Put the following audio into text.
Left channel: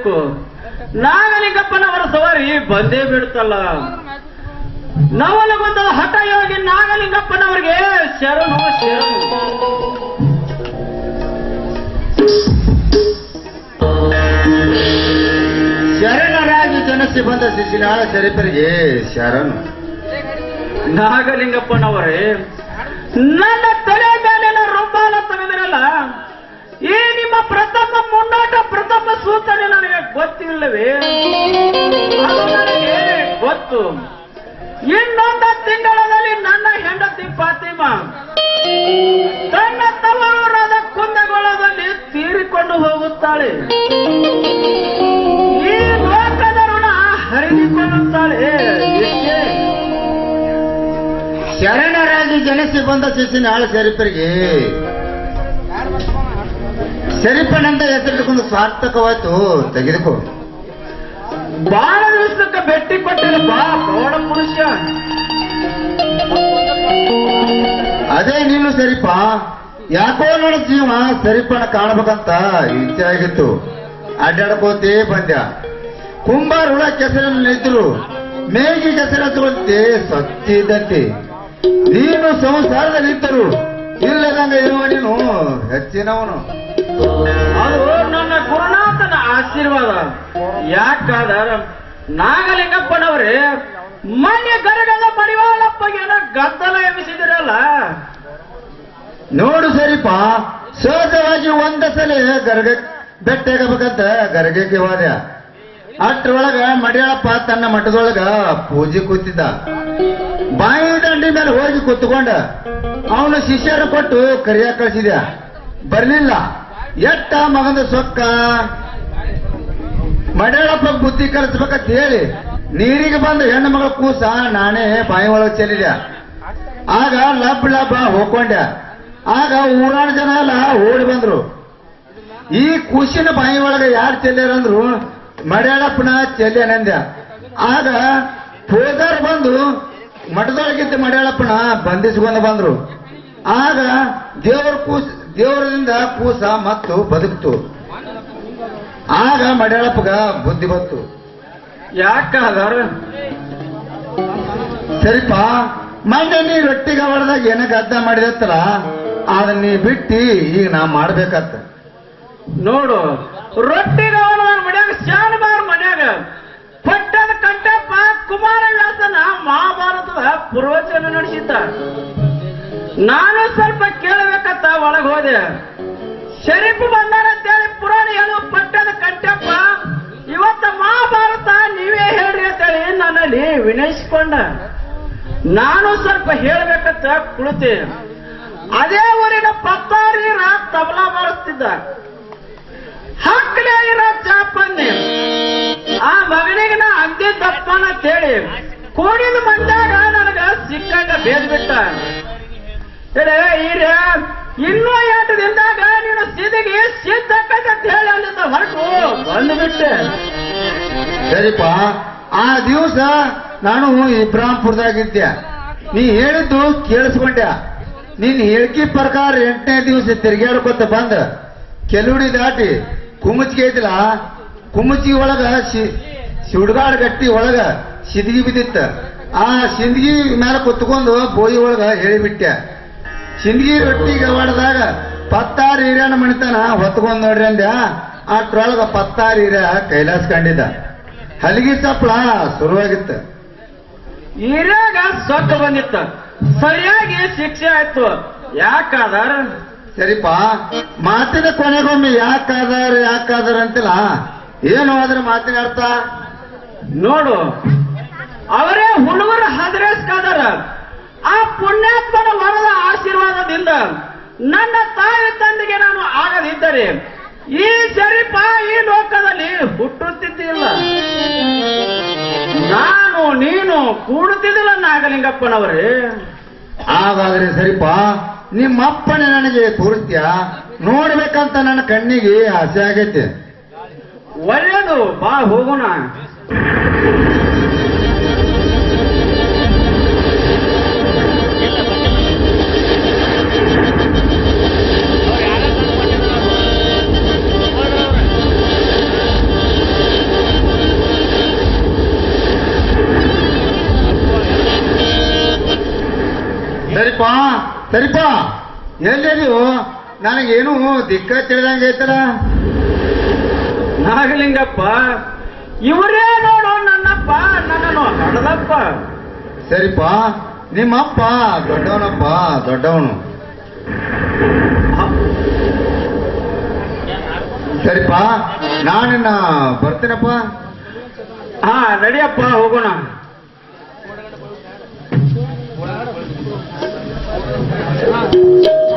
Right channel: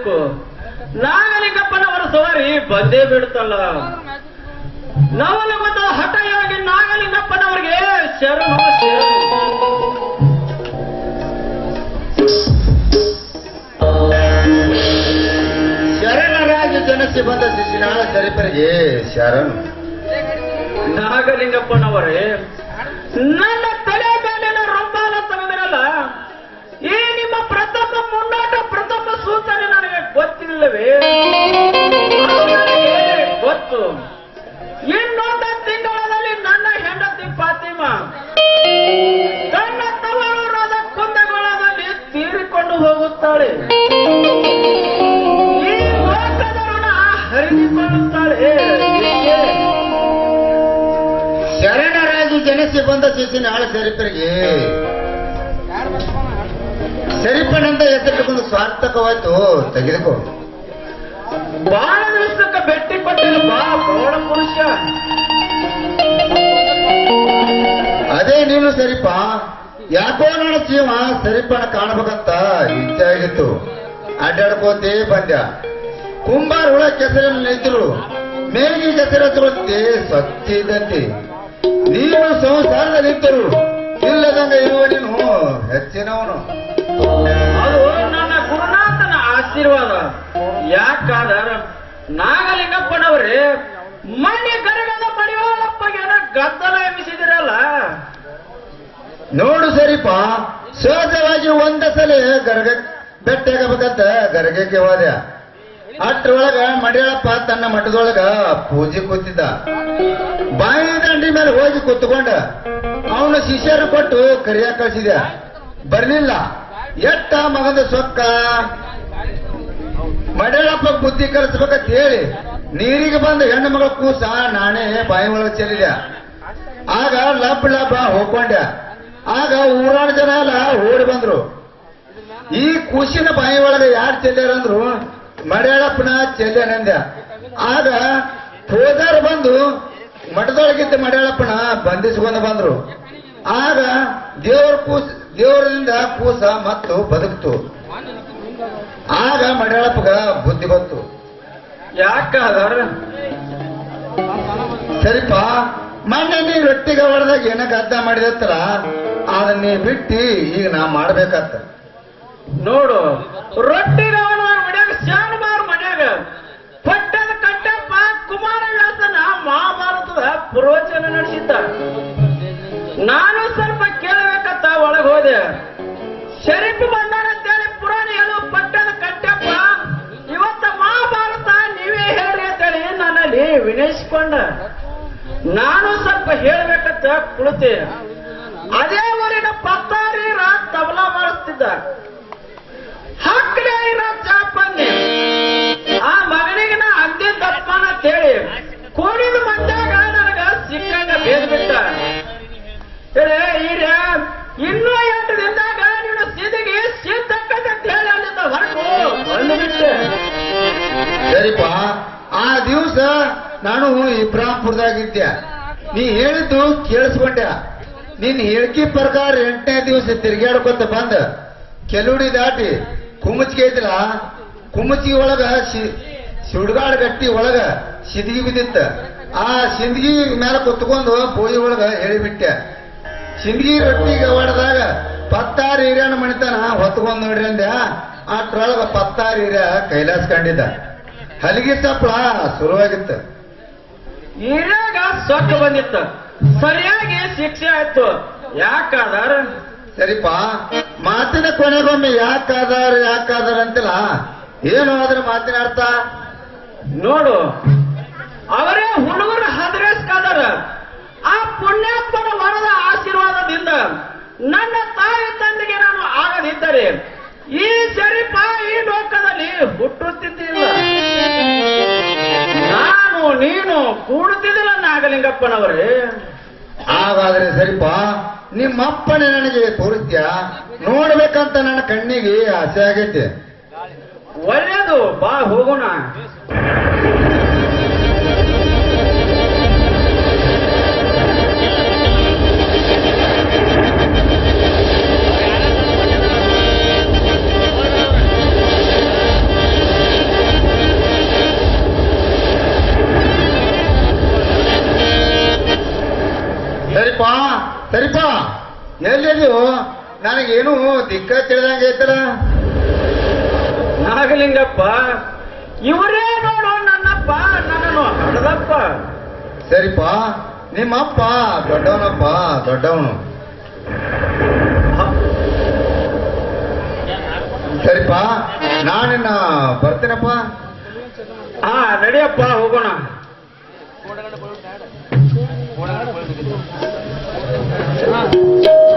ಬರಬೇಕು ನಾಗಲಿಂಗಪ್ಪನವರ ಸವಾರಿ ಬಂದೇ ಬಿಡುತ್ತಲ್ಲ ಹಟ ಹಠಯೋಗಿ ನಾಗಲಿಂಗಪ್ಪನವರಿಗೆ ಶರಣು ಶರಣು. ಶರಣರಾಜ ಜನಸಿ ಬಂದ ಶಿಶಿನಾಳ ಶರೀಫರಿಗೆ ಶರಣು. ನಾಗಲಿಂಗಪ್ಪನವರೇ ನನ್ನ ತಲೆ ಮೇಲೆ ರೊಂಬಾಲ ತೆಗೆದಿರಲ್ಲ ಈ ನಿಮ್ಮ ಪ್ರಥಮ ನನಗೆ ಗೊತ್ತಿಲ್ಲವೇ ಅದು ಗೊತ್ತು. ಇನ್ನೊಂದು ತಿಂಗಳಲ್ಲಿ ನನ್ನ ಹೆಂಡತಿ ಪಾತಿಮ ತನ್ನ ತವರೂರಾದ ಕುಂದಗೋಳದಲ್ಲಿ ತೀರಿಕೊಂಡು ಹೋಗುತ್ತಾಳೆ. ಈ ಲೋಕದ ಋಣ ಹರಿದುಕೊಳ್ಳುತ್ತಾಳೆ. ಶರಣರಾಗಿ ಜನಿಸಿ ಬಂದ ಬಂದ ಶಿಶಿನಾಳ ಶರೀಫರಿಗೆ ಶರೀಫನಂತ ಎತ್ತಿಟ್ಟುಕೊಂಡು ಸಾರ್ಥಕವಾಯ್ತು ತೆಗೆದುಕೋ. ಬಹಳ ದಿವಸಕ್ಕ ಭೇಟಿ ಕೊಟ್ಟಿಲ್ಲ ಬಾ ಪ್ರೌಢ ಮನುಷ್ಯ. ಅದೇ ನೀನು ಸರಿಪ. ಯಾಕೋ ನೋಡ ಜೀವ ಸರಿಪಣ ಕಾಣಬೇಕಂತ ಇಚ್ಛೆ ಆಗಿತ್ತು. ಅಡ್ಡಾಡ್ಕೋತೇ ಬಂದ್ಯ. ಕುಂಬಾರ ಹುಳ ಕೆಸರಲ್ಲಿ ನಿಂತರು. ಮೇಗಿ ಕೆಸರು ಹಚ್ಚುವಂತೆ ಸತ್ತಿದ್ದಂತೆ ನೀನು ಸಂಸಾರದಲ್ಲಿ ನಿಂತರು. ಇಲ್ಲದಂಗ ಇರುವ ನೀನು ಹೆಚ್ಚಿನವನು. ನನ್ನ ಆಶೀರ್ವಾದ. ಯಾಕಾದರ ನಾಗಲಿಂಗಪ್ಪನವ್ರೆ, ಮನೆ ಗರಗದ ಮಡಿವಾಳಪ್ಪಗೆ ಗದ್ದಲ ಎಬ್ಬಿಸಿದಿರಲ್ಲ? ನೋಡು ಸರಿಪ, ಸಹಜವಾಗಿ ಒಂದ ಸಲ ಗರಗ ಬೆಟ್ಟಾಗಬೇಕಂತ ಗರಗಕ್ಕೆ ಹೋದ. ಅಷ್ಟ್ರೊಳಗ ಮಡಿಯಾಳಪ್ಪ ತನ್ನ ಮಠದೊಳಗ ಪೂಜೆ ಕೂತಿದ್ದ. ಬಾಯಿ ದಂಡಿ ಮೇಲೆ ಹೋಗಿ ಕೂತ್ಕೊಂಡ. ಅವನು ಶಿಷ್ಯರು ಕೊಟ್ಟು ಕರಿಯ ಕಳಿಸಿದ ಬರ್ಲಿಲ್ಲ. ಎಟ್ಟ ಮಗಂದ ಸೊಕ್ಕ? ಮಡಿಯಾಳಪ್ಪ ಬುದ್ಧಿ ಕಲಿಸ್ಬೇಕಂತ ಹೇಳಿ ನೀರಿಗೆ ಬಂದ ಹೆಣ್ಣು ಮಗಳ ಕೂಸ ನಾನೇ ಬಾಯಿ ಒಳಗೆ ಚೆಲ್ಲಿದೆ ಆಗ ಲಬ್ ಲಬ್ ಹೋಗ್ಕೊಂಡೆ. ಆಗ ಊರಾಣ ಜನ ಎಲ್ಲ ಓಡಿ ಬಂದ್ರು. ಈ ಕೂಸಿನ ಬಾಯಿ ಒಳಗೆ ಯಾರು ಚೆಲ್ಲಾರಂದ್ರು ಮಡ್ಯಾಳಪ್ಪನ ಚೆಲ್ಲೇನಂದ ಆಗ ಹೋದಾರ ಬಂದು ಮಠದೊಳಗಿದ್ದ ಮಡ್ಯಾಳಪ್ಪನ ಬಂಧಿಸ್ಕೊಂಡು ಬಂದ್ರು. ಆಗ ದೇವರ ಕೂಸ ದೇವರಿಂದ ಕೂಸ ಮತ್ತು ಬದುಕ್ತು. ಆಗ ಮಡ್ಯಾಳಪ್ಪಗ ಬುದ್ಧಿ ಬಂತು. ಯಾಕ ಸರಿಪ ಮೊನ್ನೆ ನೀ ರೊಟ್ಟಿಗೆ ಹೊಡೆದಾಗ ಏನ ಗದ್ದ ಮಾಡಿದತ್ತಲ್ಲ ಅದನ್ನ ನೀ ಬಿಟ್ಟಿ ಈಗ ನಾ ಮಾಡ್ಬೇಕತ್ತ. ನೋಡು ರೊಟ್ಟಿಗ ಮನ್ಯಾಗ ಶಾನಬಾರ್ ಮನ್ಯಾಗ ಪಟ್ಟದ ಕಟ್ಟಪ್ಪ ಕುಮಾರ ಹೇಳ್ತಾನ ಮಹಾಭಾರತದ ಪುರೋಚನ ನಡೆಸಿದ್ದ. ನಾನು ಸ್ವಲ್ಪ ಕೇಳಬೇಕತ್ತ ಒಳಗೆ ಹೋದೆ. ವಿನಯಿಸಿಕೊಂಡ ನಾನು ಸ್ವಲ್ಪ ಹೇಳಬೇಕಂತ ಕುಳಿತೆ ಅದೇ ಊರಿನ ಪತ್ತಾರೀರ ತಬಲಾ ಮಾಡುತ್ತಿದ್ದ ಹಕ್ಕಲೇ ಇರೋ ಚಾಪನ್ನಿ ಆ ಮಗನಿಗೆ ನಾ ಅಂದೇ ತಪ್ಪನ ಅಂತೇಳಿ ಕೋಡಿದ ಮಂದಾಗ ನನಗ ಸಿಕ್ಕಂಗ ಬೇದ್ ಬಿಟ್ಟ ಏ ಈರ ಇನ್ನೂ ಎಂಟು ದಿನದಾಗ ನೀನು ಸಿದಿಗೆ ಸಿದ್ಧಕ್ಕಂತ ಹೇಳಿ ಅಲ್ಲಿಂದ ಹೊರಟು. ಬಂದ್ಬಿಟ್ಟೆ. ಆ ದಿವಸ ನಾನು ಇಬ್ರಾಂಪುರದಾಗಿದ್ದೆ ನೀ ಹೇಳಿದ್ದು ಕೇಳಿಸ್ಕೊಂಡ. ನೀನ್ ಹೇಳಿಕೆ ಪ್ರಕಾರ ಎಂಟನೇ ದಿವಸ ತಿರುಗಾಡ್ಕೊತ ಬಂದ. ಕೆಲುಡಿ ದಾಟಿ ಕುಮಚಿಗೆ ಐತಿಲ್ಲ ಕುಮಚಿಗೆ ಒಳಗ ಸುಡ್ಗಾಡ್ ಗಟ್ಟಿ ಒಳಗ ಸಿದ್ಗಿ ಬಿದ್ದಿತ್ತ. ಆ ಸಿಂದಗಿ ಮೇಲೆ ಕುತ್ಕೊಂಡು ಬೋಯಿ ಒಳಗ ಹೇಳಿಬಿಟ್ಟೆ. ಸಿಂದಗಿ ರೊಟ್ಟಿ ಗವಾಡದಾಗ ಪತ್ತಾರು ಹಿರಿಯನ ಮಣಿತನ ಹೊತ್ಕೊಂಡ್ ನೋಡ್ರಿ ಅಂದ. ಆ ಟ್ರೊಳಗ ಪತ್ತಾರು ಹಿರಿಯ ಕೈಲಾಸ ಕಂಡಿದ್ದ ಹಲಗಿ ತಪ್ಪಳ ಶುರುವಾಗಿತ್ತು. ಈರಾಗ ಸೊಕ್ಕ ಬಂದಿತ್ತು. ಸರಿಯಾಗಿ ಶಿಕ್ಷೆ ಆಯ್ತು. ಯಾಕಾದಾರ? ಸರಿಪ ಮಾತಿನ ಕೊನೆಗೊಮ್ಮೆ ಯಾಕಾದಾರ ಯಾಕಾದಾರ ಅಂತಿಲ್ಲ. ಏನು ಅದ್ರ ಮಾತಿನ ಅರ್ಥ? ನೋಡು ಅವರೇ ಹುಡುಗರು ಹದರೇಸ್ಕಾದಾರ. ಆ ಪುಣ್ಯಾತ್ಮನ ವರದ ಆಶೀರ್ವಾದದಿಂದ ನನ್ನ ತಾಯಿ ತಂದೆಗೆ ನಾನು ಆಗದಿದ್ದರೆ ಕೂಡುತ್ತಿದ್ದಿಲ್ಲ ನಾಗಲಿಂಗಪ್ಪನವರೇ ಹಾಗಾದ್ರೆ ನಿಮ್ಮ ನಿಮ್ಮಪ್ಪನೇ ನನಗೆ ತೋರಿಸ್ತೀಯ? ನೋಡ್ಬೇಕಂತ ನನ್ನ ಕಣ್ಣಿಗೆ ಆಸೆ ಆಗೈತೆ. ಒಳ್ಳೇದು ಬಾ ಹೋಗೋಣ. ಎಲ್ಲಿದೆಯೋ ನನಗೇನು ದಿಕ್ಕ ತಿಳಿದಂಗೆ ಐತಲ್ಲ ನಾಗಲಿಂಗಪ್ಪ ಇವರೇ ನೋಡು ನನ್ನಪ್ಪ ನನ್ನನ್ನು ಹಡದಪ್ಪ ಸರಿಪ್ಪ ನಿಮ್ಮಪ್ಪ ದೊಡ್ಡವನಪ್ಪ ದೊಡ್ಡವನು. ಸರಿಪ್ಪ ನಾನಿನ್ನ ಬರ್ತೀನಪ್ಪ. ಹಾ ರೆಡಿಯಪ್ಪ ಹೋಗೋಣ. Thank you.